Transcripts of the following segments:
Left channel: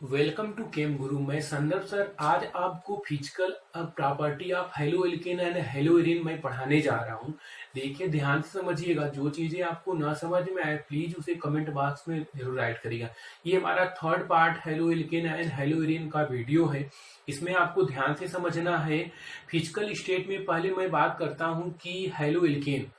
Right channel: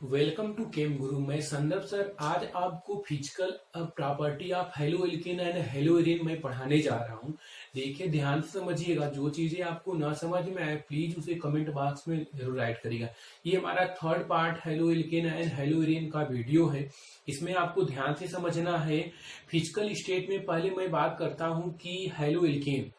Welcome to केम गुरु। मैं संदर्भ sir आज आपको physical property of halo alkane and hello arene मैं पढ़ाने जा रहा हूं। देखिए ध्यान से समझिएगा, जो चीजें आपको ना समझ में आए प्लीज उसे कमेंट बॉक्स में जरूर राइट करिएगा। ये हमारा third part halo alkane and hello arene का वीडियो है। इसमें आपको ध्यान से समझना है। फिजिकल स्टेट में पहले मैं बात करता हूं कि हेलो एल्केन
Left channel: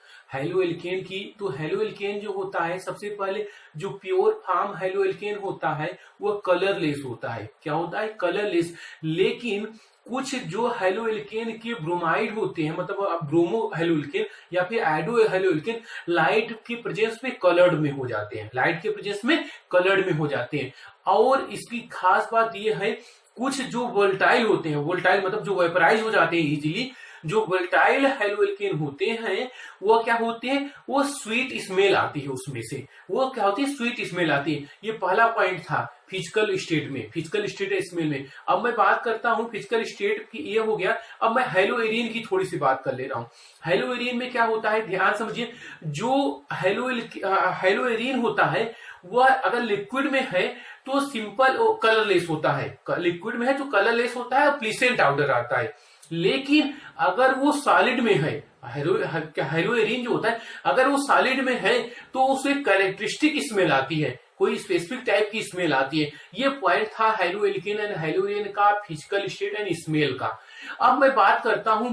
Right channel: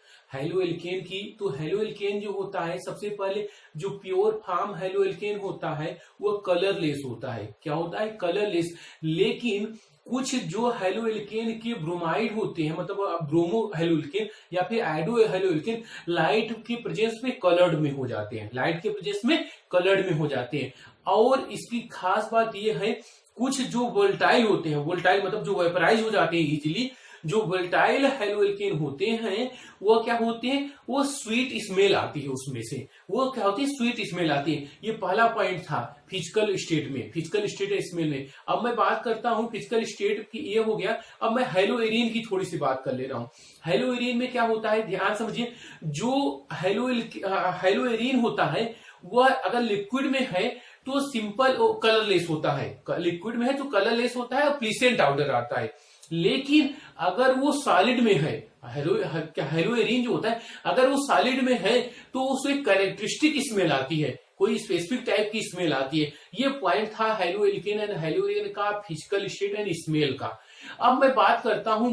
की। तो हेलो एल्केन जो होता है, सबसे पहले जो प्योर फॉर्म हेलो एल्केन होता है वह कलरलेस होता है। क्या होता है? कलरलेस। लेकिन कुछ जो हेलो एल्केन के ब्रोमाइड होते हैं, मतलब ब्रोमो हेलो एल्केन या फिर एडो हेलो एल्केन, लाइट के प्रेजेंस में कलर्ड में हो जाते हैं, लाइट के प्रेजेंस में कलर्ड में हो जाते हैं। और इसकी खास बात यह है, कुछ जो वोल्टाइल होते हैं, वोल्टाइल मतलब जो वेपराइज हो जाते हैं इजीली, जो वोल्टाइल हेलो एल्केन होते हैं वो क्या होते हैं, वो स्वीट स्मेल आती है उसमें से। वो क्या होती है? स्वीट स्मेल आती है। ये पहला पॉइंट था फिजिकल स्टेट में, फिजिकल स्टेट स्मेल में। अब मैं बात करता हूं फिजिकल स्टेट की, ये हो गया। अब मैं हेलो एरीन की थोड़ी सी बात कर ले रहा हूं। हेलो एरीन में क्या होता है, ध्यान समझिए। जो हेलो एरीन होता है वह अगर लिक्विड में है तो सिंपल कलरलेस होता है। लिक्विड में है तो कलरलेस होता है और प्लीसेंट आउडर आता है। लेकिन अगर वो सॉलिड में है, हेलो एरीन जो होता है, अगर वो सॉलिड में है तो उसे कैरेक्टरिस्टिक स्मेल आती है, कोई स्पेसिफिक टाइप की स्मेल आती है। ये पॉइंट था halo alkane and hello arene का, फिजिकल स्टेट एंड स्मेल का। अब मैं बात करता हूं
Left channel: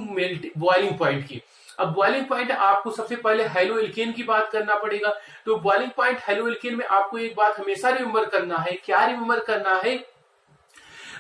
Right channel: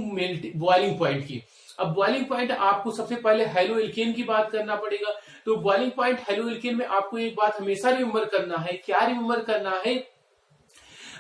बॉइलिंग पॉइंट की। अब बॉइलिंग पॉइंट आपको सबसे पहले हेलो एल्केन की बात करना पड़ेगा। तो बॉइलिंग पॉइंट हेलो एल्केन में आपको एक बात हमेशा रिमेंबर करना है। क्या रिमेंबर करना है?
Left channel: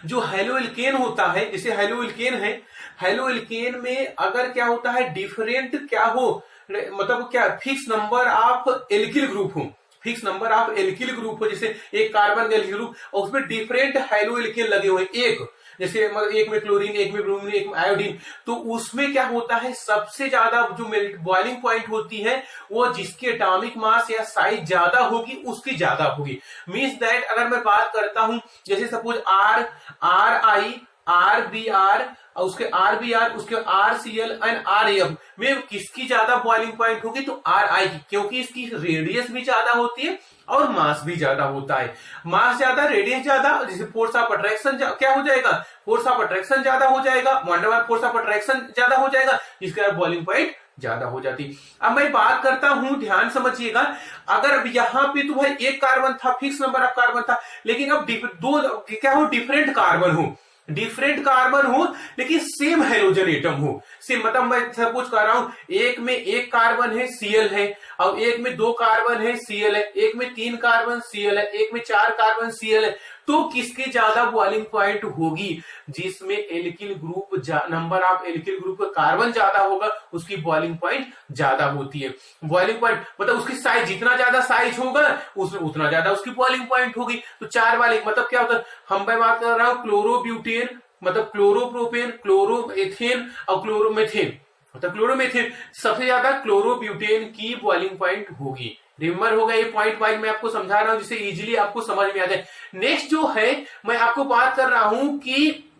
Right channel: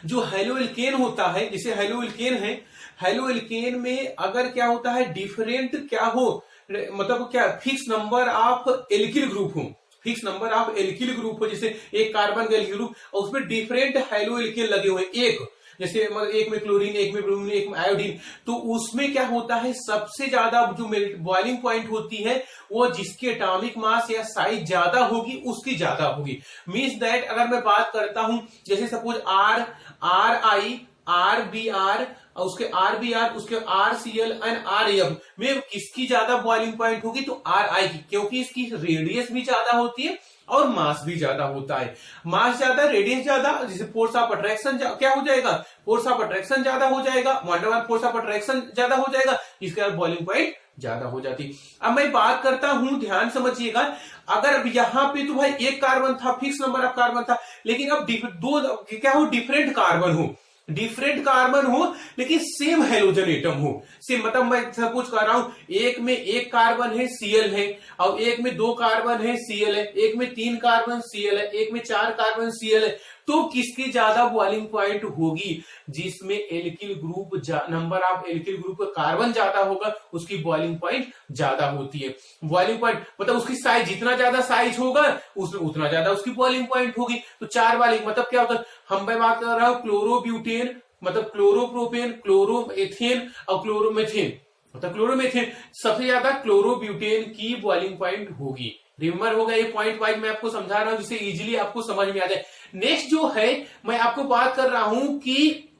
जो हेलो एल्केन होता है, जैसे हेलो एल्केन है, हेलो एल्केन में अगर क्या होता है, डिफरेंट क्या हो, मतलब क्या fix number of alkyl group हो, fix number of alkyl group हो। जैसे एक कार्बन का एल्किल ग्रुप और उसमें डिफरेंट हेलो एल्केन लगे हुए, एक जैसे मतलब एक में क्लोरीन, एक में ब्रोमीन, एक में आयोडीन, तो उसमें क्या होता है, सबसे ज्यादा जो बॉइलिंग पॉइंट होती है वो जिसकी एटॉमिक मास या साइज ज्यादा होगी उसकी ज्यादा होगी। मींस दैट अगर मैं बात करता हूं, जैसे सपोज RI RBR और उसके RBR, उसके RCl एंड RAF में किसकी ज्यादा बॉइलिंग पॉइंट होगी? तो RI की, क्योंकि इसकी रेडियस भी ज्यादा होती है और मास भी ज्यादा होता है। मास ज्यादा, रेडियस ज्यादा, जैसे फोर्स ऑफ अट्रैक्शन क्या हो जाएगा, फोर्स ऑफ अट्रैक्शन ज्यादा हो जाएगा, वंडरवाल फोर्स ऑफ अट्रैक्शन ज्यादा हो जाएगा, जिसका बॉइलिंग पॉइंट ज्यादा हो जाती। अब मैं बात करता हूं, ध्यान समझिएगा। अगर अब यहां पे तो भाई एक कार्बन था, फिक्स नंबर ऑफ कार्बन था, लेकिन अब दो क्या हो, डिफरेंट कार्बन हो, डिफरेंट कार्बन हो लेकिन सेम हाइड्रोजन एटम हो। सेम मतलब मैं सपोज कर रहा हूं, एक में एक कार्बन है Cl है, और एक में दो कार्बन है Cl है, एक में तीन कार्बन Cl है, एक में चार कार्बन Cl है। तो किसकी ज्यादा बॉइलिंग पॉइंट होगी? जिसमें alkyl group, number of alkyl group का कार्बन ज्यादा होगा उसकी बॉइलिंग पॉइंट ज्यादा होती है। बॉइलिंग पॉइंट मतलब उसकी साइज, जितना ज्यादा साइज होगा उसमें उतना ज्यादा उसकी बॉइलिंग पॉइंट होगी। तो चार वाले मतलब क्या होता है, हम मैं बात कर रहा हूं क्लोरोब्यूटेन, मतलब क्लोरोप्रोपेन, क्लोरोएथेन और क्लोरोमेथेन, मतलब क्लोरोमेथेन, सबसे ज्यादा क्लोरोब्यूटेन की बॉइलिंग पॉइंट होगी। रिमेंबर होगा, ये पॉइंट वाइज मैं आपको समझा रहा हूं जिससे इजीली आपको समझ में आ जाए। नेक्स्ट जो है मैं आपको बात कर रहा हूं कि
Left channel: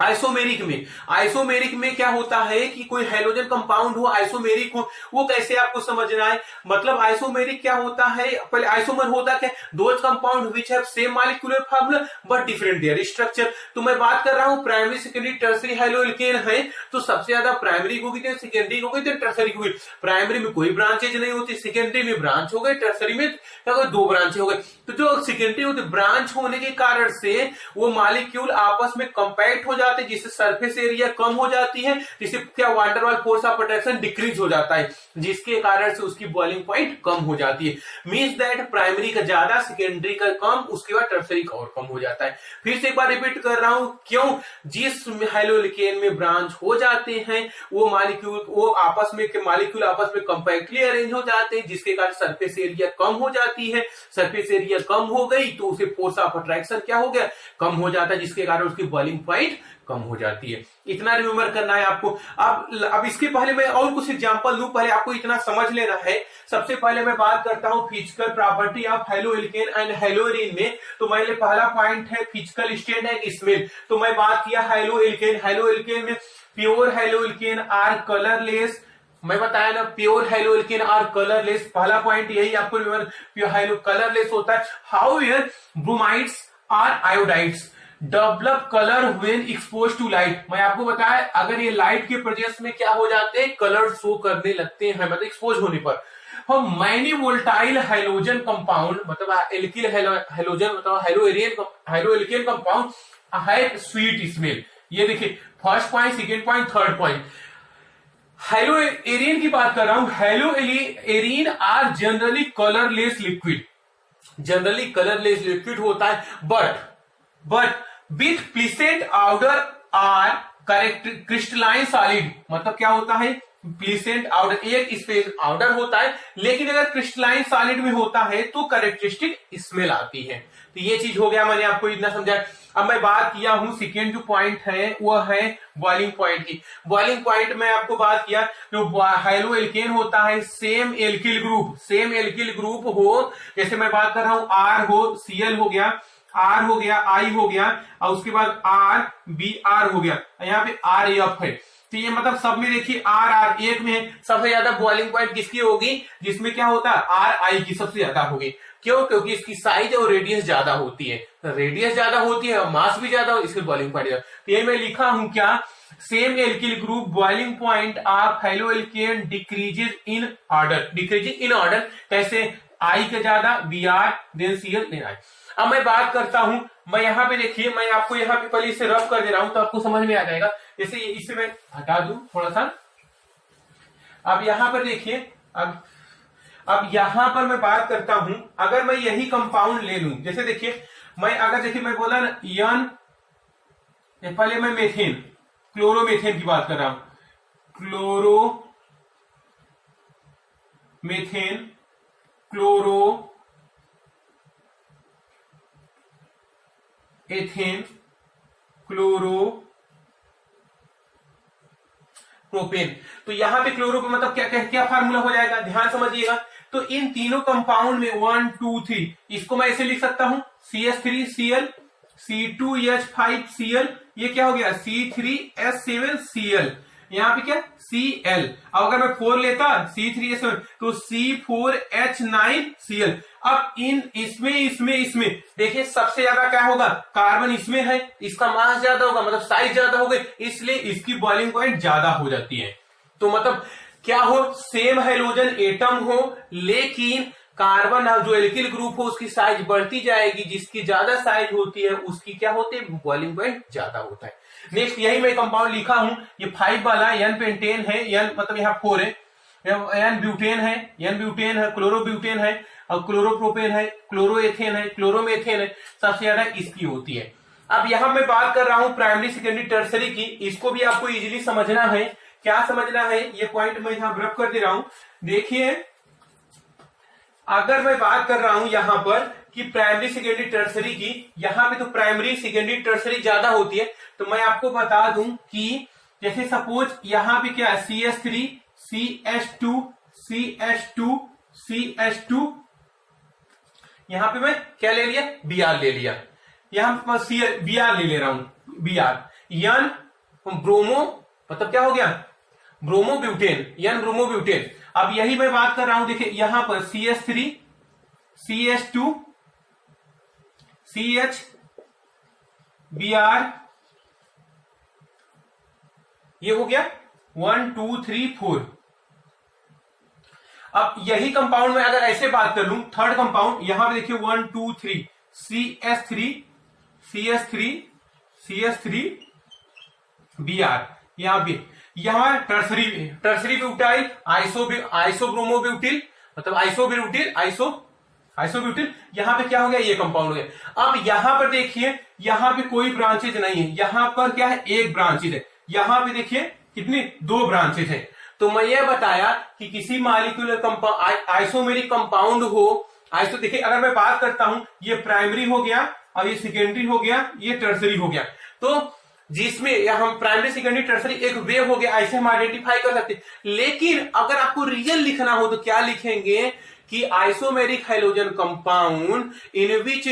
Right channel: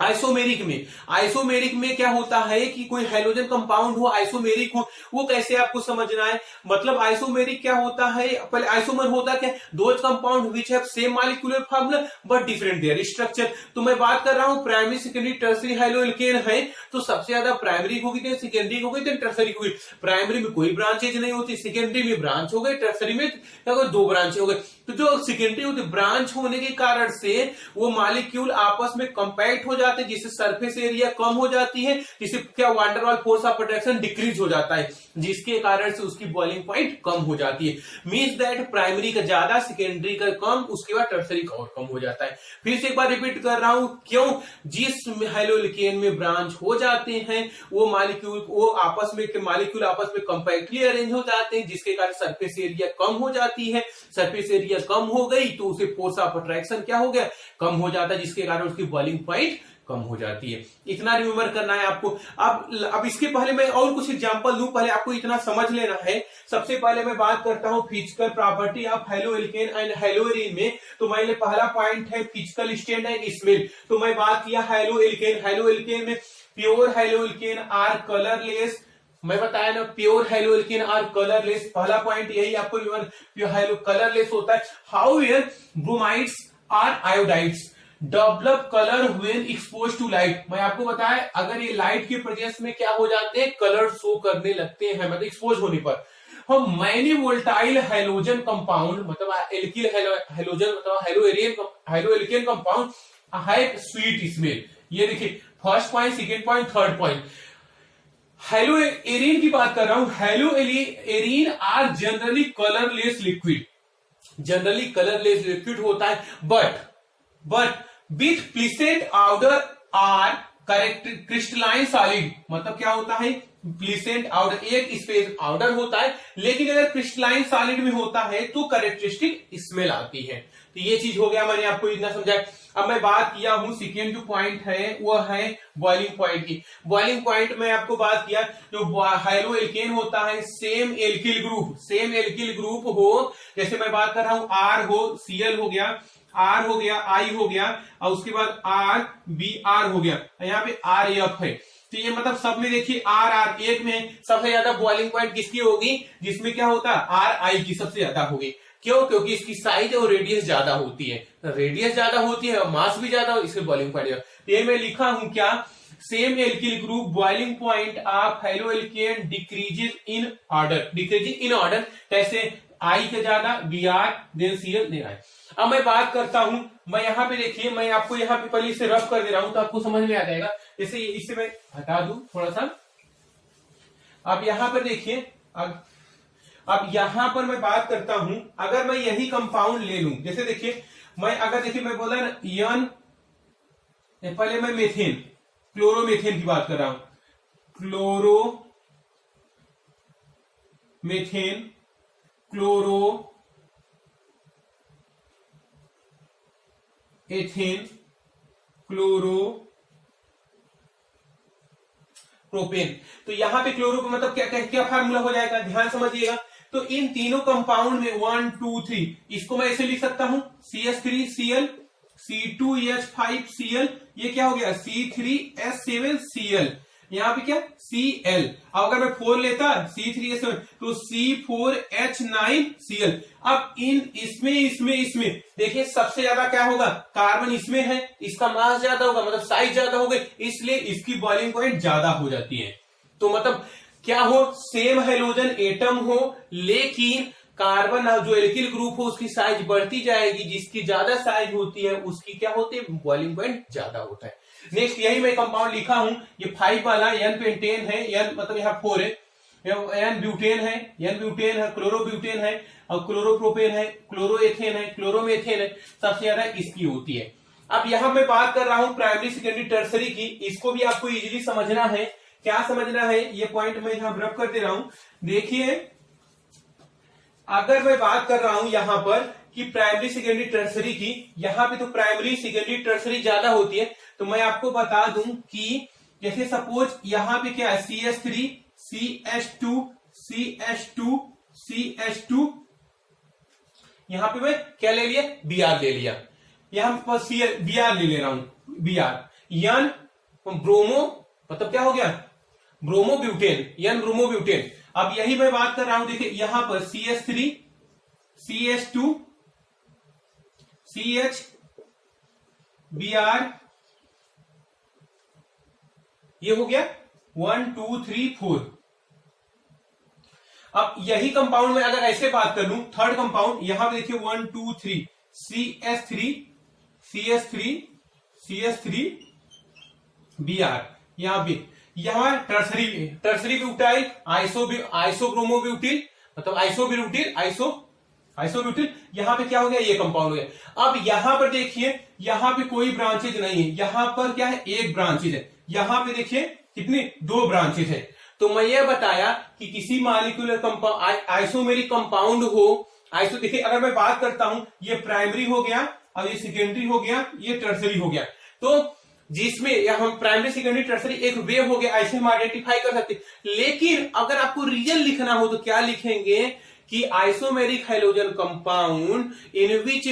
आइसोमेरिक में क्या होता है कि कोई हाइड्रोजन कंपाउंड हो, आइसोमेरिक हो, वो कैसे आपको समझना है। मतलब आइसोमेरिक क्या होता है, पहले आइसोमर होता क्या, those compound which have same molecular formula but different there structure. तो मैं बात कर रहा हूं primary secondary tertiary halo alkane है, तो सबसे ज्यादा प्राइमरी होगी, तो सेकेंडरी होगी, तो टर्सरी होगी। प्राइमरी में कोई ब्रांचेज नहीं होती, सेकेंडरी में ब्रांच हो गए, टर्सरी में दो ब्रांच हो गए। तो जो सेकेंडरी होती, ब्रांच होने के कारण से वो मॉलिक्यूल आपस में कंपैक्ट हो जाते हैं, जिससे सरफेस एरिया कम हो जाती है, जिससे क्या वाटरवाल फोर्स ऑफ अट्रैक्शन डिक्रीज हो जाता है, जिसके कारण से उसकी बॉइलिंग पॉइंट कम हो जाती है। मींस दैट प्राइमरी का ज्यादा, सेकेंडरी का कम, उसके बाद टर्सरी का और कम हो जाता है। फिर से एक बार रिपीट कर रहा हूं, क्यों? जिस हेलो एल्केन में ब्रांच हो जाते हैं वो मॉलिक्यूल, वो आपस में मॉलिक्यूल आपस में कंपैक्टली अरेंज हो जाते हैं, जिसके कारण सरफेस एरिया कम हो जाती है। सरफेस एरिया कम हो गई तो उसे फोर्स ऑफ अट्रैक्शन क्या हो गया, कम हो जाता है, जिसके कारण उसकी बॉइलिंग पॉइंट कम हो जाती है। इतना रिमेंबर करना है आपको। अब इसके पहले मैं और कुछ एग्जांपल दूं, पहले आपको इतना समझ लेना है। सबसे पहले मैं बात करता हूं physical property of halo alkane and hello arene में। तो मैंने पहला पॉइंट है फिजिकल स्टेट एंड स्मेल। तो मैं बात किया हेलो एल्केन में pure haloalkane are colourless. मैं बताया ना, pure haloalkane are colourless, पहला पॉइंट यही आपको हेलो कलरलेस होता है। However bromides or iodides develop colour when expose to light. मैं आपको बताया अगर ये लाइट के प्रेजेंस में क्या हो जाते हैं, कलर शो करने लगते हैं, मतलब एक्सपोज होने पर। हम मैनी वोल्टाइल हाइलोजन कंपाउंड मतलब एल्किल हाइलोजन मतलब haloalkane compound have sweet smell. ये देखिए first point, second point, third point. Haloarene की बात कर रहा हूं। Haloarene are generally colourless liquid, generally colourless liquid होता है, but with pleasant odour or correct crystalline solid. मतलब क्या होता है, प्लीसेंट आउडर एक स्पेस आउडर होता है, लेकिन अगर क्रिस्टलाइन सॉलिड में होता है तो करेक्टरिस्टिक स्मेल आती है। तो ये चीज हो गया, मैंने आपको इतना समझाया। अब मैं बात किया हूं सेकेंड जो पॉइंट है वो है बॉइलिंग पॉइंट की। बॉइलिंग पॉइंट में आपको बात किया जो हाइलो एल्केन होता है सेम एल्किल ग्रुप हो, जैसे मैं बात कर रहा हूं आर हो, Cl हो गया, आर हो गया, आई हो गया, और उसके बाद आर बी आर हो गया, यहाँ पे आर एफ है। तो ये मतलब सब में देखिए आर आर एक में सबसे ज्यादा बॉइलिंग पॉइंट किसकी होगी, जिसमें क्या होता है आर आई की सबसे ज्यादा होगी। क्यों? क्योंकि इसकी साइज और रेडियस ज्यादा होती है, रेडियस ज्यादा होती है और मास भी ज्यादा हो, इसके बॉइलिंग पॉइंट। तो ये मैं लिखा हूं क्या, same alkyl group boiling point of haloalkane decreases in order. कैसे? आई का ज्यादा, B R, then Cl, then I. अब मैं बात करता हूं, मैं यहाँ पे देखिए, मैं आपको यहाँ पे पहले इसे रब कर दे रहा हूं तो आपको समझ में आ जाएगा। जैसे इसे मैं हटा दूं थोड़ा सा। अब यहां पर देखिए, अब यहां पर मैं बात करता हूं, अगर मैं यही कंपाउंड ले लूं, जैसे देखिए मैं बोला ना यन, पहले मैं मेथेन, क्लोरोमेथेन की बात कर रहा हूं, क्लोरोमेथेन, एथेन, प्रोपेन। तो यहां पे क्लोरो मतलब क्या फार्मूला हो जाएगा, ध्यान समझिएगा। तो इन तीनों कंपाउंड में 1 2 3 इसको मैं ऐसे लिख सकता हूं CH3Cl, C2H5Cl, ये क्या हो गया C3H7Cl, यहाँ पे क्या Cl। अब अगर मैं 4 लेता C3H7 तो C4H9Cl। अब इसमें देखिए सबसे ज्यादा क्या होगा, कार्बन इसमें है, इसका मास ज्यादा होगा, मतलब साइज ज्यादा हो गई, इसलिए इसकी बॉइलिंग पॉइंट ज्यादा हो जाती है। तो मतलब क्या हो, सेम हाइड्रोजन एटम हो, लेकिन कार्बन जो एल्किल ग्रुप हो उसकी साइज बढ़ती जाएगी, जिसकी ज्यादा साइज होती है उसकी क्या होती है, बॉइलिंग पॉइंट ज्यादा होता है। नेक्स्ट यही मैं कंपाउंड लिखा हूं, ये 5 वाला एन पेंटेन है, एन मतलब यहाँ 4 है, एन ब्यूटेन है, क्लोरोब्यूटेन है, और क्लोरोप्रोपेन है, क्लोरोएथेन है, क्लोरोमेथेन है, सबसे ज्यादा इसकी होती है। अब यहां मैं बात कर रहा हूं प्राइमरी सेकेंडरी टर्सरी की, इसको भी आपको इजीली समझना है। क्या समझना है, ये पॉइंट मैं यहां रब कर दे रहा हूं। देखिए अगर मैं बात कर रहा हूं यहां पर कि प्राइमरी सेकेंडरी टर्सरी की, यहां पे तो प्राइमरी सेकेंडरी टर्सरी ज्यादा होती है। तो मैं आपको बता दूं कि जैसे सपोज यहां पे क्या है CH3 CH2 CH2 CH2, यहां पे मैं क्या ले लिया, Br ले लिया, यहां पर Br ले रहा हूं, Br यन ब्रोमो मतलब क्या हो गया, ब्रोमोब्यूटेन, यन ब्रोमोब्यूटेन। अब यही मैं बात कर रहा हूं, देखिए यहां पर CH3 CH2 CH Br, ये हो गया 1 2 3 4। अब यही कंपाउंड में अगर ऐसे बात कर लूं, थर्ड कंपाउंड यहां पे देखिए 1 2 3 CH3 Br, यहां पे यहां टर्सरी ब्यूटाइल आइसोब्रोमोब्यूटिल मतलब आइसोब्यूटिल, यहां पे क्या हो गया, ये कंपाउंड हो गया। अब यहां पर देखिए यहां पे कोई ब्रांचेज नहीं है, यहां पर क्या है, एक ब्रांचेज है, यहां पे देखिए कितनी, 2 ब्रांचेज है। तो मैं ये बताया कि किसी मॉलिक्यूलर कंपाउंड आइसोमेरिक कंपाउंड हो, देखिए अगर मैं बात करता हूं, ये प्राइमरी हो गया और ये सेकेंडरी हो गया, ये टर्सरी हो गया। तो जिसमें हम प्राइमरी सेकेंडरी टर्सरी एक वेव हो गया, ऐसे हम आइडेंटिफाई कर सकते। लेकिन अगर आपको रियल लिखना हो तो क्या लिखेंगे कि isomeric hydrogen compound in which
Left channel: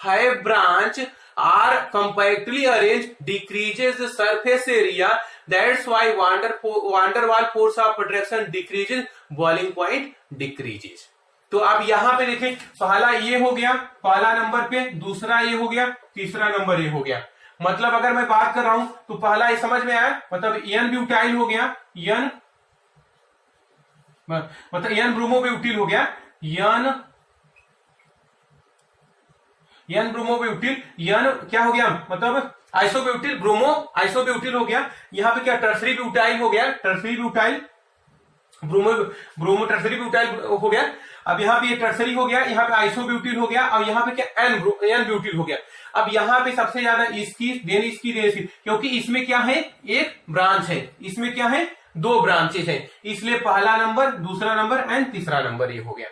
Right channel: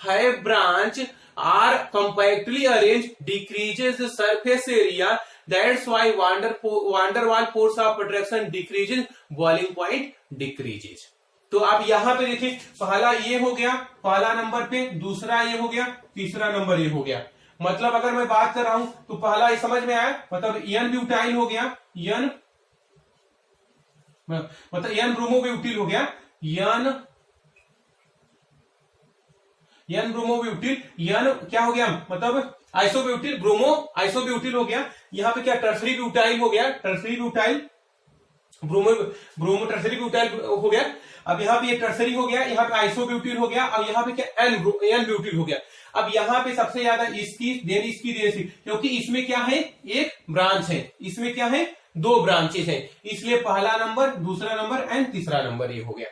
high branch are compactly arrange decreases the surface area, that's why van der Waal force of attraction decreases, boiling point decreases. तो अब यहां पे देखें, पहला ये हो गया पहला नंबर पे, दूसरा ये हो गया, तीसरा नंबर ये हो गया। मतलब अगर मैं बात कर रहा हूं तो पहला ये समझ में आया, मतलब एन ब्यूटाइल हो गया, एन मतलब एन ब्रोमोब्यूटिल हो गया, एन ब्रोमोब्यूटिल, एन क्या हो गया मतलब आइसोब्यूटिल, आइसोब्यूटिल हो गया। यहां पे क्या टर्सरी ब्यूटाइल हो गया, tertiary butyl, bromo tertiary butyl हो गया। अब यहाँ पे ये टर्सरी हो गया, यहाँ पे आइसोब्यूटिल हो गया, और यहाँ पे क्या एन ब्यूटिल हो गया। अब यहाँ पे सबसे ज्यादा इसकी देन इसकी देन इसकी, क्योंकि इसमें क्या है एक ब्रांच है, इसमें क्या है दो ब्रांचेस है, इसलिए पहला नंबर, दूसरा नंबर एंड तीसरा नंबर ये हो गया।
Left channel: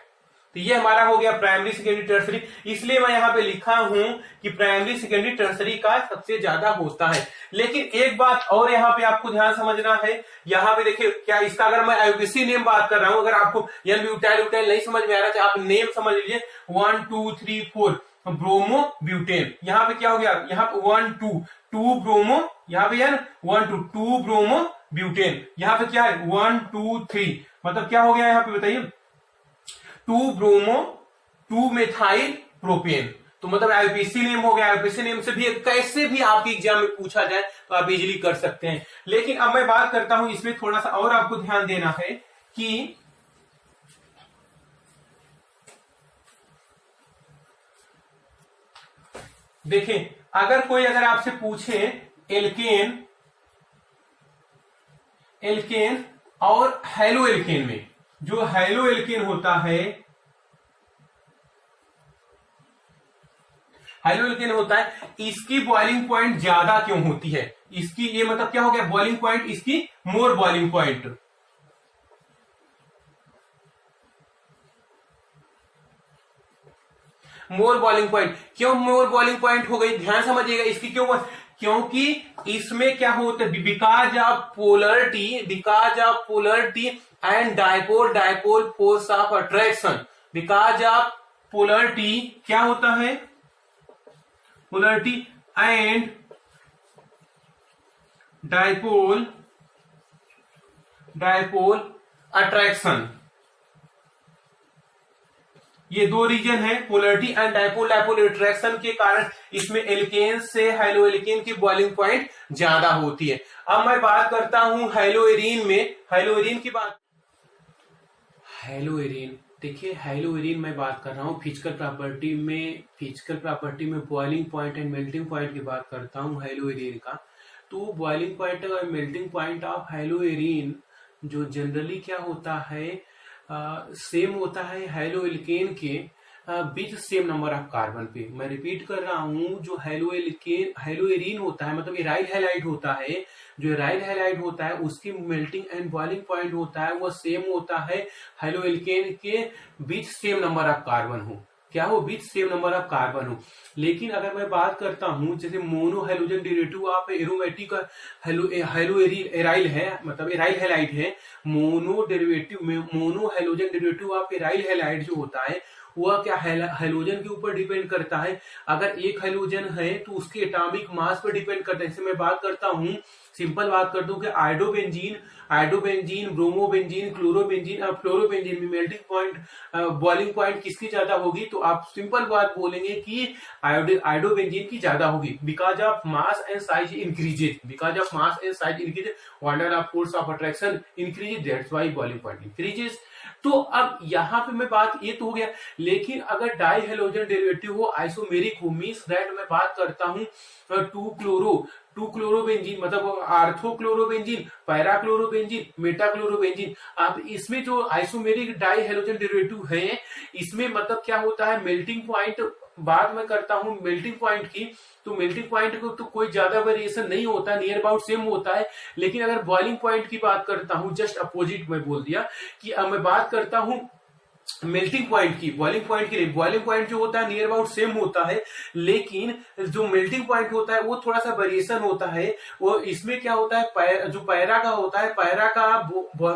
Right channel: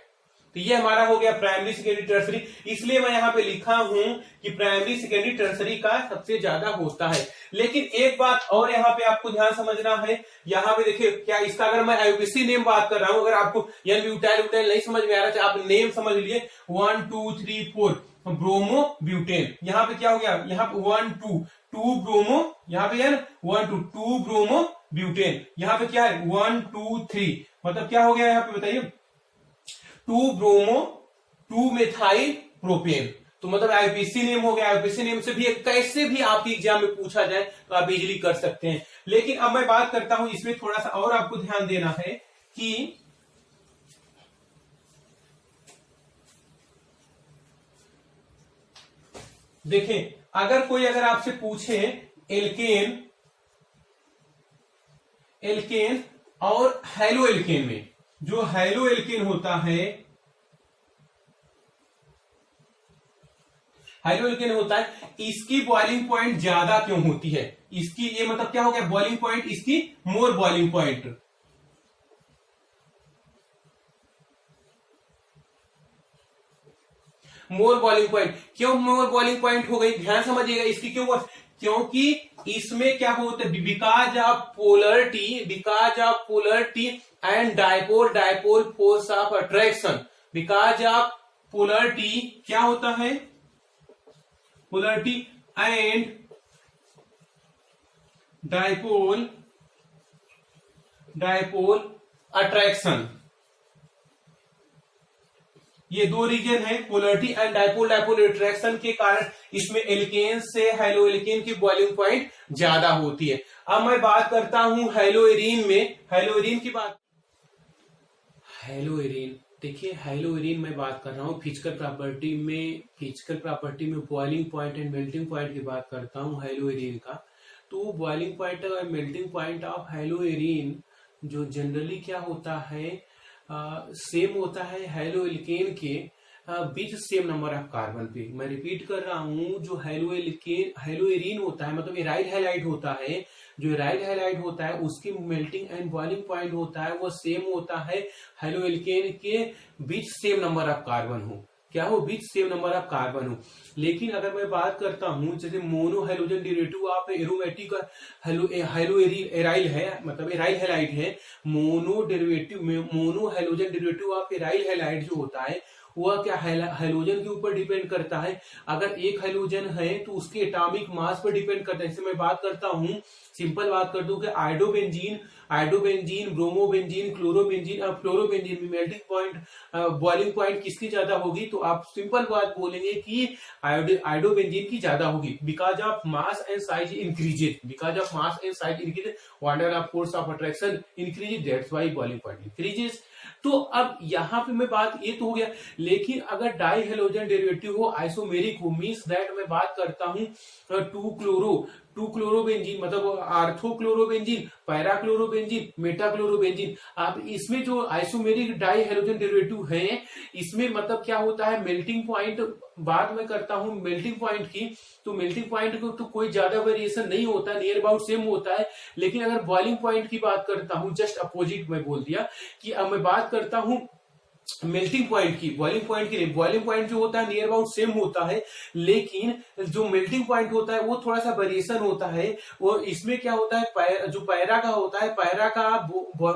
तो ये हमारा हो गया प्राइमरी सेकेंडरी टर्सरी। इसलिए मैं यहाँ पे लिखा हूं कि प्राइमरी सेकेंडरी टर्सरी का सबसे ज्यादा होता है। लेकिन एक बात और यहाँ पे आपको ध्यान समझना है, यहाँ पे देखिए क्या इसका अगर मैं आईयूपीएसी नेम बात कर रहा हूं, अगर आपको एन ब्यूटाइल ब्यूटाइल नहीं समझ में आ रहा है, आप नेम समझ लीजिए 1 2 3 4 ब्रोमो ब्यूटेन। यहाँ पे क्या हो गया, यहाँ पे 1 2 ब्रोमो, यहाँ पे यार 1 2 ब्रोमो ब्यूटेन, यहाँ पे क्या है 1 2 3, मतलब क्या हो गया यहाँ पे बताइए 2 ब्रोमो 2 मेथाइल प्रोपेन। तो मतलब आईयूपीएसी नेम हो गया। आईयूपीएसी नेम से भी कैसे भी आपके एग्जाम में पूछा जाए तो आप इजीली कर सकते हैं। लेकिन अब मैं बात करता हूं, इसमें थोड़ा सा और आपको ध्यान देना है कि देखें, अगर आपसे पूछे एल्केन और हेलो एल्केन में, जो हेलो एल्केन होता है, हेलो एल्केन होता है, इसकी बॉइलिंग पॉइंट ज्यादा क्यों होती है, इसकी ये मतलब क्या हो गया बॉइलिंग पॉइंट, इसकी मोर बॉइलिंग पॉइंट, मोर बॉइलिंग पॉइंट। क्यों मोर बॉइलिंग पॉइंट हो गई, ध्यान समझिएगा इसकी क्यों, क्योंकि इसमें क्या होता है because of polarity and dipole force of attraction. Because of polarity क्या होता है, पोलरिटी एंड डायपोल अट्रैक्शन, ये दो रीजन है, पोलरिटी एंड डायपोल अट्रैक्शन के कारण इसमें एल्केन से हेलो एल्केन की बॉइलिंग पॉइंट ज्यादा होती है। अब मैं बात करता हूं हेलो एरीन में, हेलो एरीन की बात, हेलो एरीन देखिए, हेलो एरीन मैं बात कर रहा हूं फिजिकल प्रॉपर्टी में boiling point and melting point की बात करता हूं हेलो एरीन का। तो बॉइलिंग पॉइंट और melting point of hello arene जो जनरली क्या होता है सेम होता है हेलो एल्केन के बीच सेम नंबर ऑफ कार्बन पे। मैं रिपीट कर रहा हूं, जो हेलो एरीन होता है मतलब एराइल हैलाइड होता है, जो एराइल हैलाइड होता है उसकी मेल्टिंग एंड बॉइलिंग पॉइंट होता है वो सेम होता है हेलो एल्केन के बीच सेम नंबर ऑफ कार्बन हो, क्या हो बीच सेम नंबर ऑफ कार्बन हो। लेकिन अगर मैं बात करता हूं जैसे mono halogen derivative of aromatic hello aryl है, मतलब एराइल हैलाइड है, mono halogen derivative of aryl halide जो होता है वह क्या हेलोजन के ऊपर डिपेंड करता है। अगर एक हेलोजन है तो उसके एटॉमिक मास पर डिपेंड करता है। जैसे मैं बात करता हूं, सिंपल बात कर दूं कि आयोडोबेंजीन, ब्रोमोबेंजीन, क्लोरोबेंजीन, अब फ्लोरोबेंजीन में मेल्टिंग पॉइंट बॉइलिंग पॉइंट किसकी ज्यादा होगी, तो आप सिंपल बात बोलेंगे कि आयोडोबेंजीन की ज्यादा होगी। Because of mass and size increases, wander of force of attraction increases, that's why boiling point increases. तो अब यहां पे मैं बात ये तो हो गया। लेकिन अगर डाई हेलोजन डेरिवेटिव हो, आइसोमेरिक हो, मींस दैट मैं बात करता हूं 2 क्लोरोबेंजीन मतलब आर्थोक्लोरोबेंजीन, पैराक्लोरोबेंजीन, मेटाक्लोरोबेंजीन। अब इसमें जो आइसोमेरिक डाई हेलोजन डेरिवेटिव है इसमें मतलब क्या होता है मेल्टिंग पॉइंट, बात मैं करता हूं मेल्टिंग पॉइंट की, तो मेल्टिंग पॉइंट को तो कोई ज्यादा वेरिएशन नहीं होता, नियर अबाउट सेम होता है। लेकिन अगर बॉइलिंग पॉइंट की बात करता हूं, जस्ट अपोजिट मैं बोल दिया कि अब मैं बात करता हूं मेल्टिंग पॉइंट की, बॉइलिंग पॉइंट जो होता है नियर अबाउट सेम होता है, लेकिन जो मेल्टिंग पॉइंट होता है वो थोड़ा सा वेरिएशन होता है। वो इसमें क्या होता है जो पैरा का होता है, पैरा का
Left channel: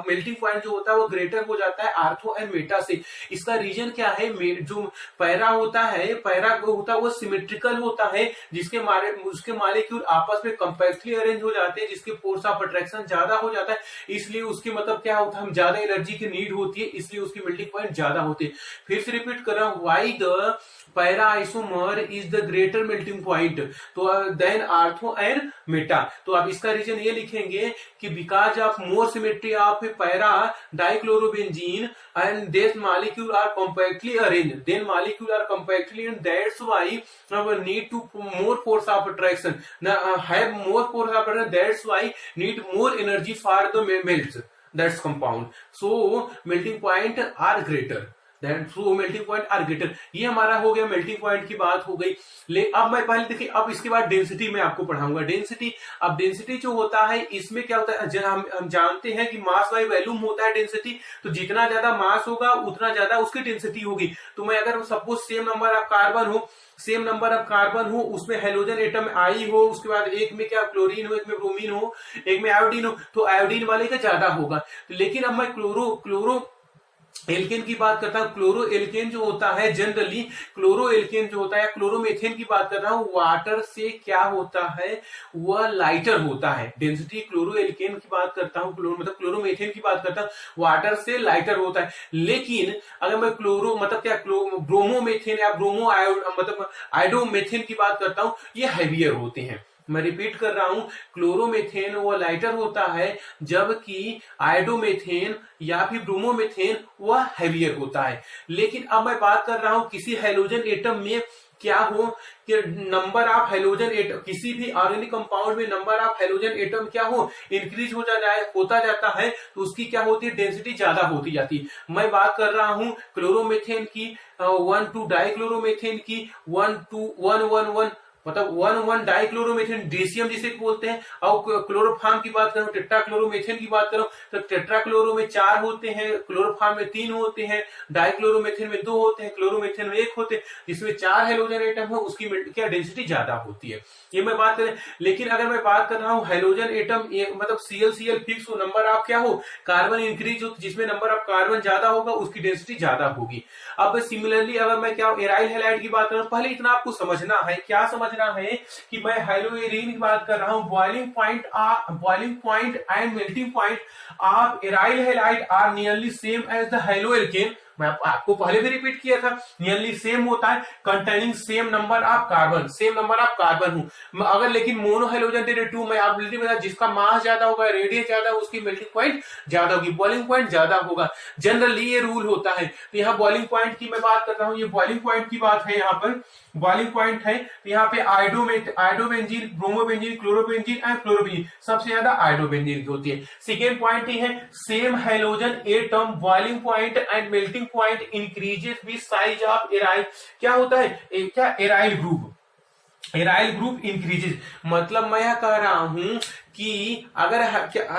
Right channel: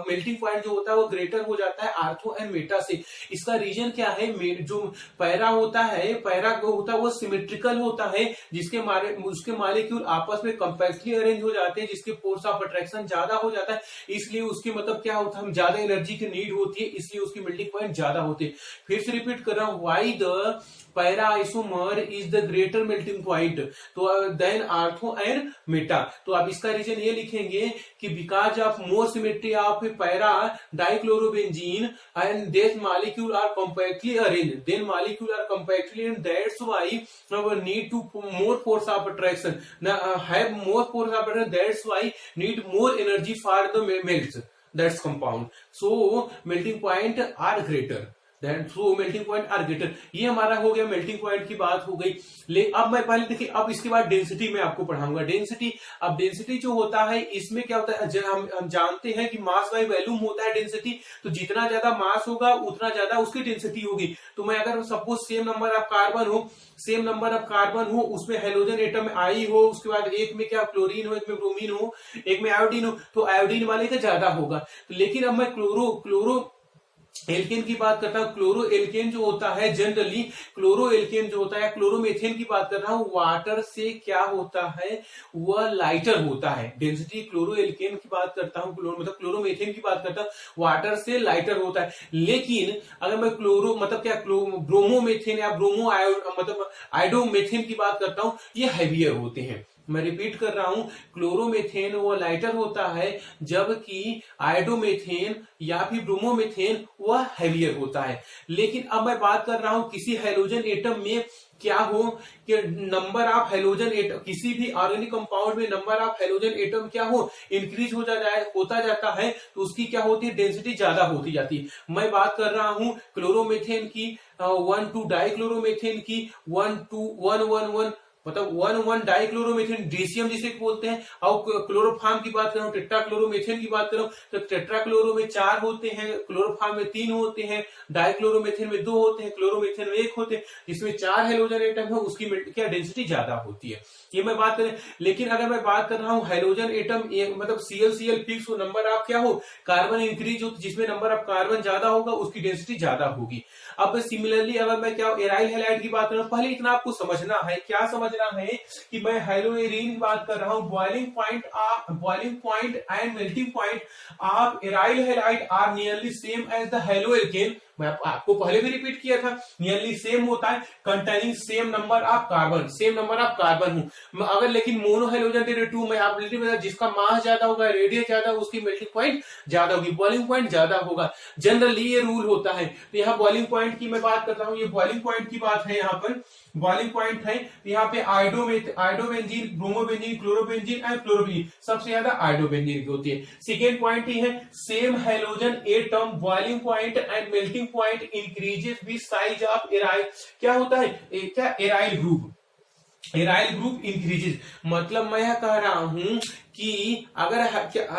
मेल्टिंग पॉइंट जो होता है वो ग्रेटर हो जाता है आर्थो एंड मेटा से। इसका रीजन क्या है, जो पैरा होता है वो सिमेट्रिकल होता है, उसके मॉलिक्यूल आपस में कंपैक्टली अरेंज हो जाते हैं, जिसके फोर्स ऑफ अट्रैक्शन ज्यादा हो जाता है, इसलिए उसकी मतलब क्या होता है ज्यादा एनर्जी की नीड होती है, इसलिए उसकी मेल्टिंग पॉइंट ज्यादा होते हैं। फिर से रिपीट कर रहा हूं, why the para isomer is the greater melting point तो देन आर्थो एंड मेटा। तो आप इसका रीजन ये लिखेंगे कि because of more symmetry of para dichlorobenzene and this molecule are compactly arranged, then molecule are compactly and that's why need to more force of attraction, have more force of attraction, that's why need more energy for the melts, that's compound, so melting point are greater, so melting point are greater. ये हमारा हो गया melting point की बात हो गई। ले अब मैं पहले देखिए, अब इसके बाद डेंसिटी में आपको पढ़ाऊंगा। डेंसिटी, अब डेंसिटी जो होता है इसमें क्या होता है, हम जानते हैं कि मास बाय वॉल्यूम होता है डेंसिटी, तो जितना ज्यादा मास होगा उतना ज्यादा उसकी डेंसिटी होगी। तो मैं अगर suppose same number of carbon हो, उसमें हेलोजन एटम आई हो, उसके बाद एक में क्या क्लोरीन हो, एक में ब्रोमीन हो, एक में आयोडीन हो, तो आयोडीन वाले का ज्यादा होगा। लेकिन अब मैं क्लोरो एल्केन की बात करता हूं। क्लोरो एल्केन जो होता है, जनरली क्लोरो एल्केन जो होता है, क्लोरोमेथेन की बात कर रहा हूं, वाटर से क्या होता है, वह लाइटर होता है। डेंसिटी क्लोरो एल्केन की बात करता हूं, मतलब क्लोरोमेथेन की बात करता हूं, वाटर से लाइटर होता है। लेकिन अगर मैं ब्रोमोमेथेन या मतलब आयोडोमेथेन की बात करता हूं, ये हैवियर होते हैं। मैं रिपीट कर रहा हूं, क्लोरोमेथेन वो लाइटर होता है, जबकि आयोडोमेथेन या फिर ब्रोमोमेथेन वह हैवियर होता है। लेकिन अब मैं बात कर रहा हूं किसी हैलोजन एटम में क्या हो कि नंबर ऑफ हैलोजन एटम, किसी भी ऑर्गेनिक कंपाउंड में नंबर ऑफ हैलोजन एटम क्या हो, इंक्रीज होता जाता है, तो उसकी क्या होती है, डेंसिटी ज्यादा होती जाती है। मैं बात कर रहा हूं क्लोरोमेथेन की, 1,2 डाइक्लोरोमेथेन की, 1,2,1,1,1 मतलब 1,1 डाइक्लोरोमेथेन डीसीएम जिसे बोलते हैं। और क्लोरोफॉर्म की बात करूं, टेट्राक्लोरोमेथेन की बात करूं, तो टेट्राक्लोरो में 4 होते हैं, क्लोरोफॉर्म में 3 होते हैं, डाइक्लोरोमेथेन में 2 होते हैं, क्लोरोमेथेन में 1 होते हैं। जिसमें 4 हेलोजन एटम है उसकी क्या डेंसिटी ज्यादा होती है, ये मैं बात करें। लेकिन अगर मैं बात कर रहा हूं हेलोजन एटम मतलब Cl फिक्स हो, नंबर ऑफ क्या हो, कार्बन इंक्रीज हो, जिसमें नंबर ऑफ कार्बन ज्यादा होगा उसकी डेंसिटी ज्यादा होगी। अब सिमिलरली अगर मैं क्या एराइल हैलाइड की बात करूं, पहले इतना आपको समझना है, क्या समझना है कि मैं हेलोएरिन की बात कर रहा हूं। Boiling point and melting point of aryl halide are nearly same as the haloalkane. मैं आपको पहले भी रिपीट किया था, नियरली सेम होता है, containing same number of carbon हूं। अगर लेकिन मोनो हेलोजन तेरे 2 में आप बता, जिसका मास ज्यादा होगा, रेडियस ज्यादा, उसकी मेल्टिंग पॉइंट ज्यादा होगी, बॉइलिंग पॉइंट ज्यादा होगा। जनरली ये रूल होता है। तो यहाँ बॉइलिंग पॉइंट की मैं बात करता हूँ, ये बॉइलिंग पॉइंट की बात है, यहाँ पर बॉइलिंग पॉइंट है। यहाँ पे iodobenzene, bromobenzene, chlorobenzene and chlorobenzene, सबसे ज्यादा आयोडोबेंजीन की होती है। सेकेंड पॉइंट ही है, same halogen atom boiling point and melting point increases with size of aryl. क्या होता है, क्या एराइल ग्रुप इंक्रीजेस। मतलब मैं यह कह रहा हूं कि अगर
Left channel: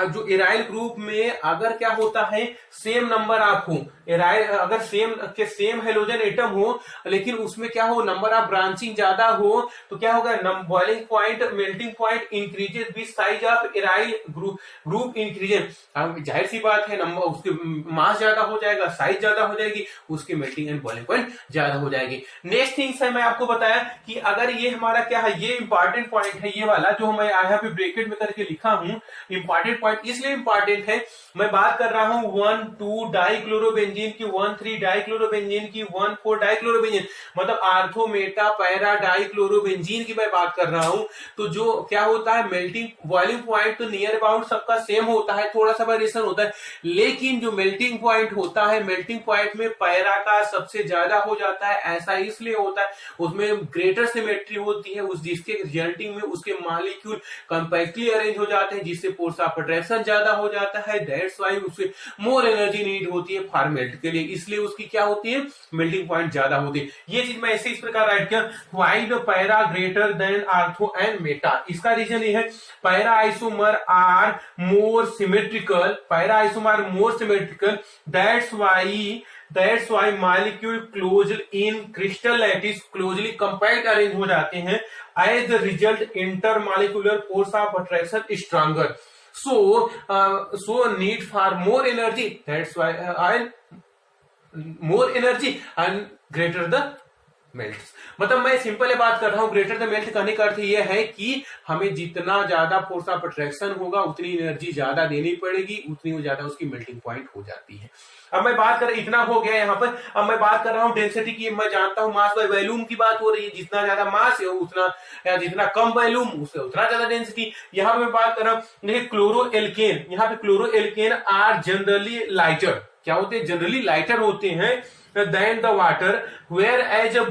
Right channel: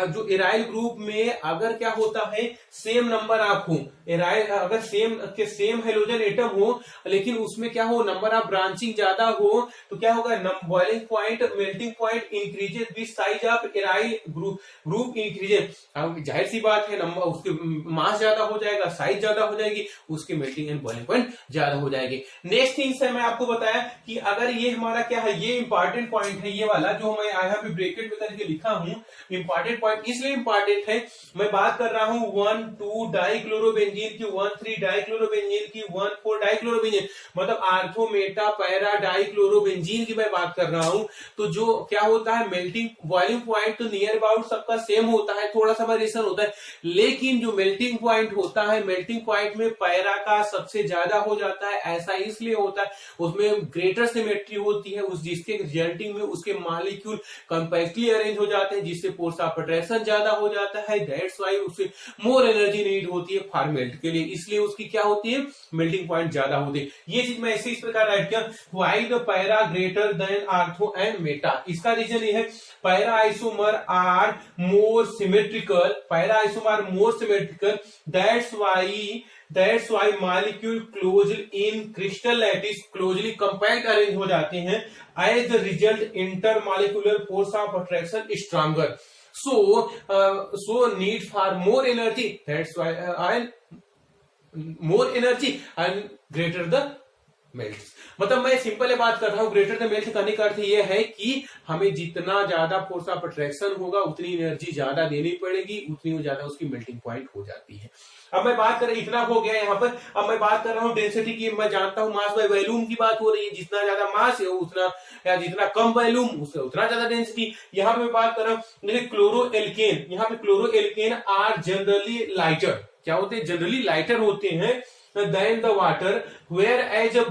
जो एराइल ग्रुप में अगर क्या होता है, सेम नंबर ऑफ हो, एराइल अगर सेम हेलोजन एटम हो, लेकिन उसमें क्या हो, नंबर ऑफ ब्रांचिंग ज्यादा हो, तो क्या होगा, boiling point melting point increases with size of aryl group increases. अब जाहिर सी बात है, नंबर उसके मास ज्यादा हो जाएगा, साइज ज्यादा हो जाएगी, उसकी मेल्टिंग एंड बॉइलिंग पॉइंट ज्यादा हो जाएगी। नेक्स्ट थिंग से मैं आपको बताया कि अगर ये हमारा क्या है, ये इंपॉर्टेंट पॉइंट है, ये वाला जो मैं यहाँ पे ब्रैकेट में करके लिखा हूं, इंपॉर्टेंट पॉइंट इसलिए इंपॉर्टेंट है, मैं बात कर रहा हूं 1,2 डाइक्लोरोबेंजीन की, 1,3 डाइक्लोरोबेंजीन की, 1,4 डाइक्लोरोबेंजीन, मतलब आर्थो मेटा पैरा डाइक्लोरोबेंजीन की मैं बात कर रहा हूं। तो जो क्या होता है, मेल्टिंग बॉइलिंग पॉइंट तो नियर अबाउट सबका सेम होता है, थोड़ा सा वेरिएशन होता है, लेकिन जो मेल्टिंग पॉइंट होता है, मेल्टिंग पॉइंट में पैरा का सबसे ज्यादा हो जाता है। ऐसा इसलिए होता है, उसमें ग्रेटर सिमेट्री होती है, जिसके रिजल्टिंग में उसके मॉलिक्यूल कंपैक्टली अरेंज हो जाते हैं, जिससे फोर्स ऑफ अट्रैक्शन ज्यादा हो जाता है। दैट्स व्हाई उससे मोर एनर्जी नीड होती है फॉर मेल्ट के लिए, इसलिए उसकी क्या होती है, मेल्टिंग पॉइंट ज्यादा होती है। ये चीज मैं ऐसे इस प्रकार राइट कर, why the para greater than ortho and meta. इसका रीजन ये है, para isomer are more symmetrical, that's why molecule closed in crystal lattice closely compact arrange हो जाते हैं। As the result intermolecular force of attraction stronger, so need for more energy, that's why more energy and greater the melt. मतलब मैं simple बात कर रहा हूं, greater the melt करने का अर्थ यह है कि हमें जितना ज्यादा फोर्स ऑफ अट्रैक्शन होगा, उतनी एनर्जी ज्यादा देनी पड़ेगी, उतनी ज्यादा उसकी मेल्टिंग पॉइंट हो जाती है। अब मैं बात कर इतना हो गया यहाँ पर। अब मैं बात कर रहा हूँ डेंसिटी की। मैं जानता हूँ मास बाय वॉल्यूम की बात हो रही है, जितना ज्यादा मास है उतना, या जितना कम वॉल्यूम उससे उतना ज्यादा डेंसिटी। यहाँ पे मैं बात कर रहा हूँ, देखिए क्लोरो एल्केन, यहाँ पे chloroalkane are generally lighter, क्या होते हैं, जनरली लाइटर होते हैं then the water, whereas uh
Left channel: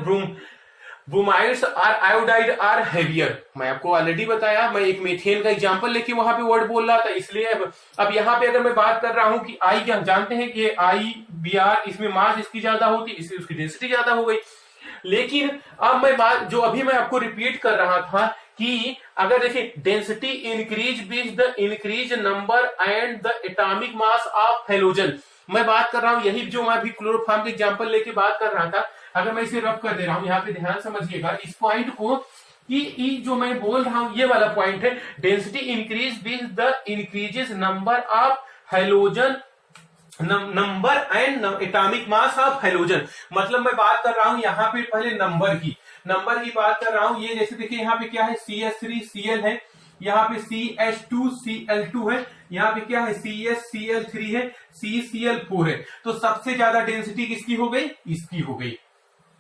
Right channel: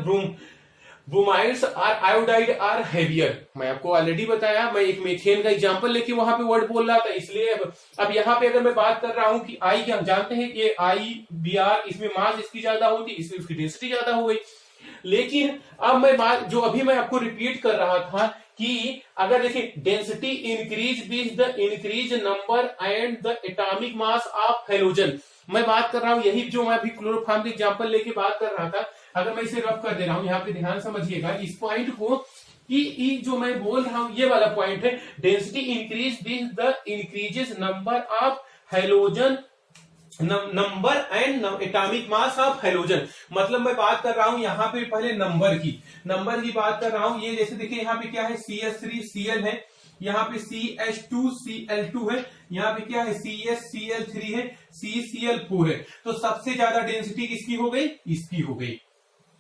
bromides or iodide are heavier. मैं आपको ऑलरेडी बताया, मैं एक मीथेन का एग्जांपल लेके वहां पे वर्ड बोल रहा था, इसलिए अब यहाँ पे अगर मैं बात कर रहा हूं कि आई, क्या हम जानते हैं कि आई बी आर, इसमें मास इसकी ज्यादा होती, इसलिए उसकी डेंसिटी ज्यादा हो गई। लेकिन अब मैं बात जो अभी मैं आपको रिपीट कर रहा था कि अगर देखिए density increase with the increase number and the atomic mass of halogen, मैं बात कर रहा हूं यही जो मैं अभी क्लोरोफॉर्म के एग्जांपल लेके बात कर रहा था। अगर मैं इसे रब कर दे रहा हूं, यहाँ पे ध्यान समझिएगा इस पॉइंट को कि जो मैं बोल रहा हूं ये वाला पॉइंट है, density increase with the increases number of halogen number and atomic mass of halogen. मतलब मैं बात कर रहा हूं यहाँ पे पहले नंबर की बात कर रहा हूं। ये जैसे देखिए यहाँ पे क्या है, CH3Cl है, यहाँ पे CH2Cl2 है, यहाँ पे क्या है, CH3Cl है, CCl4 है। तो सबसे ज्यादा डेंसिटी किसकी हो गई, इसकी हो गई।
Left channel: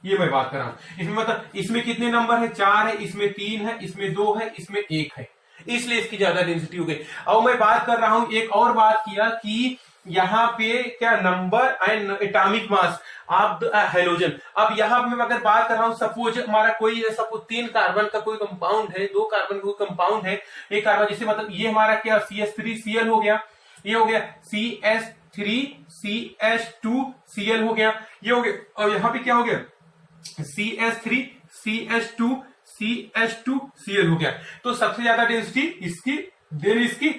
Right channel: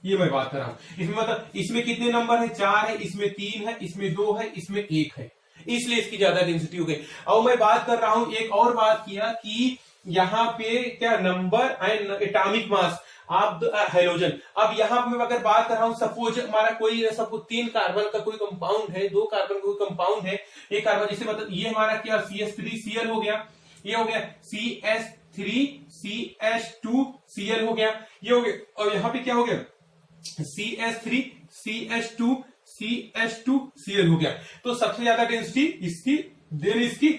ये मैं बात कर रहा हूं। इसमें मतलब इसमें कितने नंबर है, 4 है, इसमें 3 है, इसमें 2 है, इसमें 1 है, इसलिए इसकी ज्यादा डेंसिटी हो गई। अब मैं बात कर रहा हूं, एक और बात किया कि यहाँ पे क्या number and atomic mass of the halogen. अब यहाँ पे मैं अगर बात कर रहा हूं, सपोज हमारा कोई सपोज 3 कार्बन का कोई कंपाउंड है, 2 कार्बन का कोई कंपाउंड है, एक कार्बन, जैसे मतलब ये हमारा क्या CH3Cl हो गया, ये हो गया CH3CH2Cl हो गया, ये हो गया, और यहाँ पे क्या हो गया CH3CH2CH2Cl हो गया। तो सबसे ज्यादा डेंसिटी इसकी, देन इसकी,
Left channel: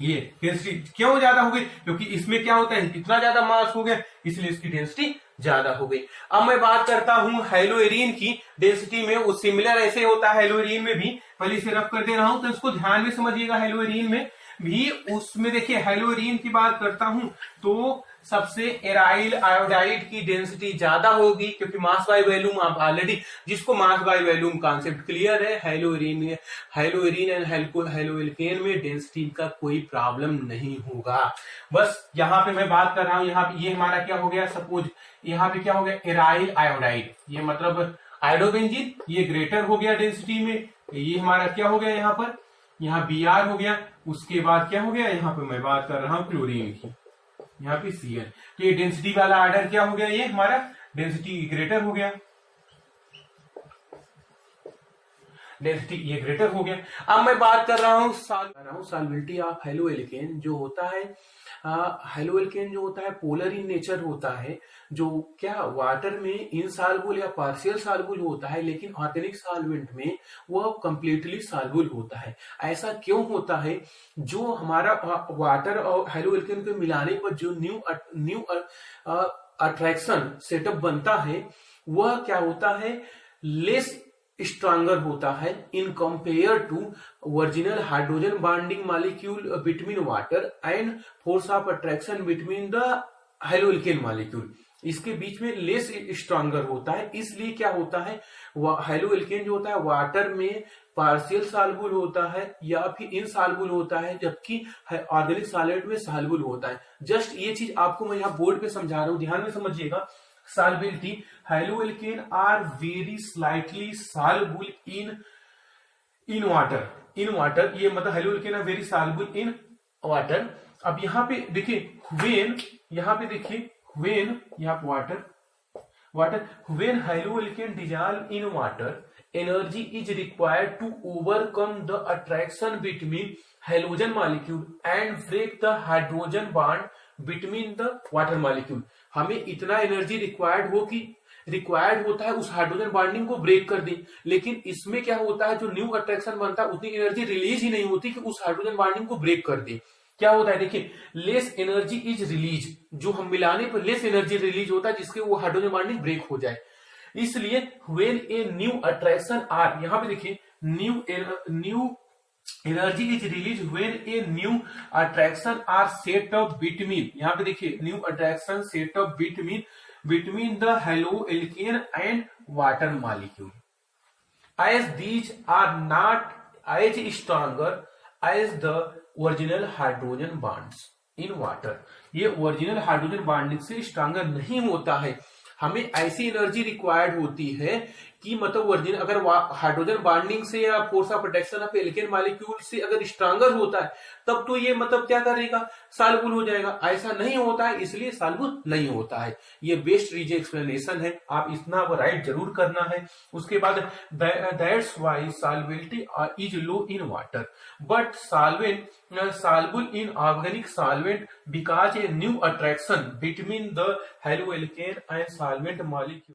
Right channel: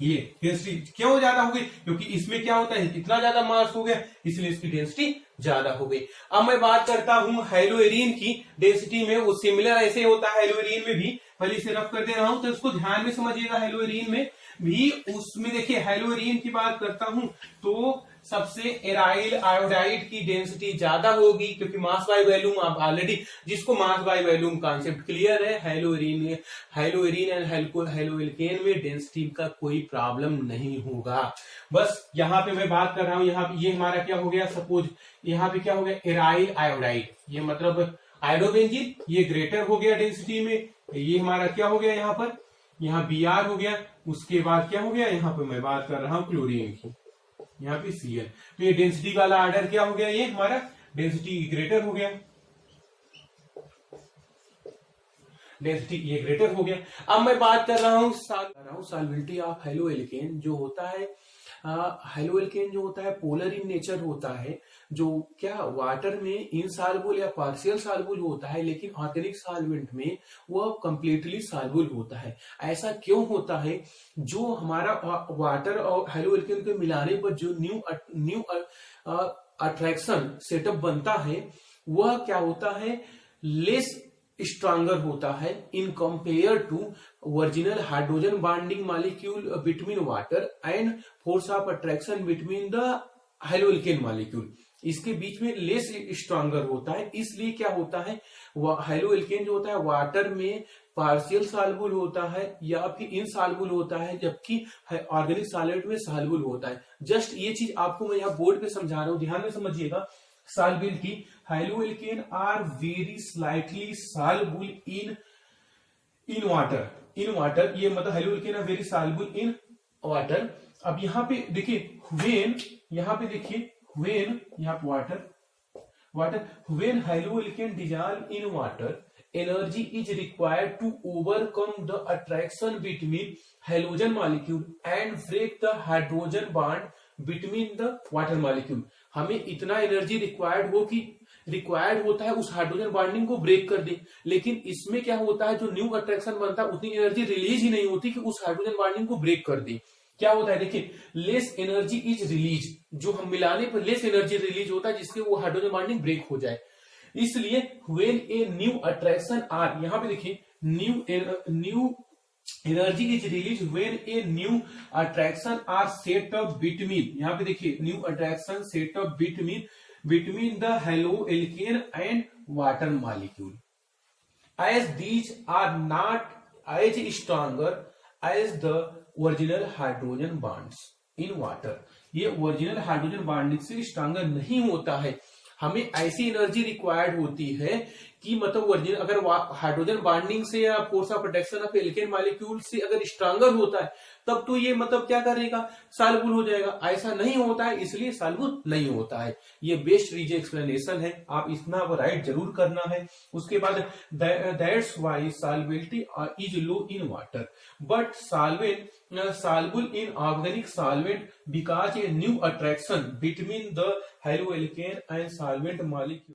ये डेंसिटी क्यों ज्यादा हो गई, क्योंकि इसमें क्या होता है, इतना ज्यादा मास हो गया, इसलिए इसकी डेंसिटी ज्यादा हो गई। अब मैं बात करता हूं हेलोइरिन की डेंसिटी में, वो सिमिलर ऐसे होता है हेलोइरिन में भी। पहले इसे रफ कर दे रहा हूं तो इसको ध्यान में समझिएगा। हेलोइरिन में भी, उसमें देखिए हेलोइरिन की बात करता हूं तो सबसे एराइल आयोडाइड की डेंसिटी ज्यादा होगी, क्योंकि मास बाय वॉल्यूम आप ऑलरेडी, जिसको mass by volume concept clear है, हेलोइरिन एंड हेलोएल्केन में डेंसिटी का कोई प्रॉब्लम नहीं होगा। बस यहाँ पे मैं बात कर रहा हूं, यहाँ पे ये हमारा क्या हो गया, सपोज यहाँ पे क्या हो गया, एराइल आयोडाइड, ये मतलब आयोडोबेंजीन, ये ग्रेटर हो गया डेंसिटी में। ये हमारा क्या हो गया, यहाँ पर यहाँ Br हो गया। उसके बाद क्या हो गया, यहाँ पे मैं बात कर रहा हूं क्लोरीन की, यहाँ पे Cl। तो ये डेंसिटी वाला ऑर्डर क्या हो गया, ये हमारा डेंसिटी ग्रेटर हो गया, डेंसिटी ये ग्रेटर हो गया। अब मैं बात कर रहा हूं सॉल्युबिलिटी ऑफ हेलोएल्केन जो होता है। हेलोएल्केन जो होता है पोलर इन नेचर होता है, जो क्या वाटर में इनसॉल्युबल या पार्शियल सॉल्युबल होता है, लेकिन ऑर्गेनिक सॉल्वेंट में वह कंप्लीटली सॉल्युबल होता है। ऐसा क्यों होता है, जो हमारा वाटर और हेलोएल्केन को मिलाने पर जो न्यू अट्रैक्शन सेटअप बनता है, वह क्या होता है, लेस स्ट्रांगर होता है in compare to original hydrogen bonding molecule between water and force of attraction between the haloalkane molecule. इसके बीच में लेस स्ट्रांगर होता है, इसलिए क्या होता है, हेलोएल्केन जो होता है वाटर में पार्शियल सॉल्युबल होता है या फिर इनसॉल्युबल होता है, जबकि ऑर्गेनिक सॉलिड में सॉल्युबल होता है। जस्ट ये चीज आपको मैं यहाँ बोर्ड पे समझा रहा हूं, ध्यान में समझिएगा। Solubility, haloalkane are very slightly soluble in water, ये मतलब haloalkane are very soluble in water। अब यहाँ पे देखिए when, यहाँ पे देखिए when, यहाँ पे when haloalkane dissolve in water, energy is required to overcome the attraction between halogen molecule and break the hydrogen bond between the water molecule। हमें इतना एनर्जी रिक्वायर्ड होता है उस हाइड्रोजन बॉन्डिंग को ब्रेक कर दे, लेकिन इसमें क्या होता है, जो न्यू अट्रैक्शन बनता है उतनी एनर्जी रिलीज ही नहीं होती कि उस हाइड्रोजन बॉन्डिंग को ब्रेक कर दे। क्या होता है, देखिए लेस एनर्जी इज रिलीज, जो हम मिलाने पर लेस एनर्जी रिलीज होता है जिसके वो हाइड्रोजन बॉन्डिंग ब्रेक हो जाए। इसलिए when a new attraction are, यहाँ पे देखिए new energy is release when a new attraction are set up between, यहाँ पे देखिए new attraction set up between the haloalkane and water molecule, as these are not as stronger as the original hydrogen bonds। In water. ये original hydrogen bonding से stronger नहीं होता है। हमें ऐसी एनर्जी रिक्वायर्ड होती है कि मतलब ओरिजिनल अगर हाइड्रोजन बॉन्डिंग से या force of protection of alkene molecule से अगर स्ट्रांगर होता है तब तो ये मतलब क्या करेगा, सॉल्युबल हो जाएगा। ऐसा नहीं होता है, इसलिए सॉल्युबल नहीं होता है। ये बेस्ट रीजन एक्सप्लेनेशन है, आप इतना राइट जरूर करना है। उसके बाद that's why solubility is low in water but solvent soluble in organic solvent because a new attraction between the haloalkane and solvent molecule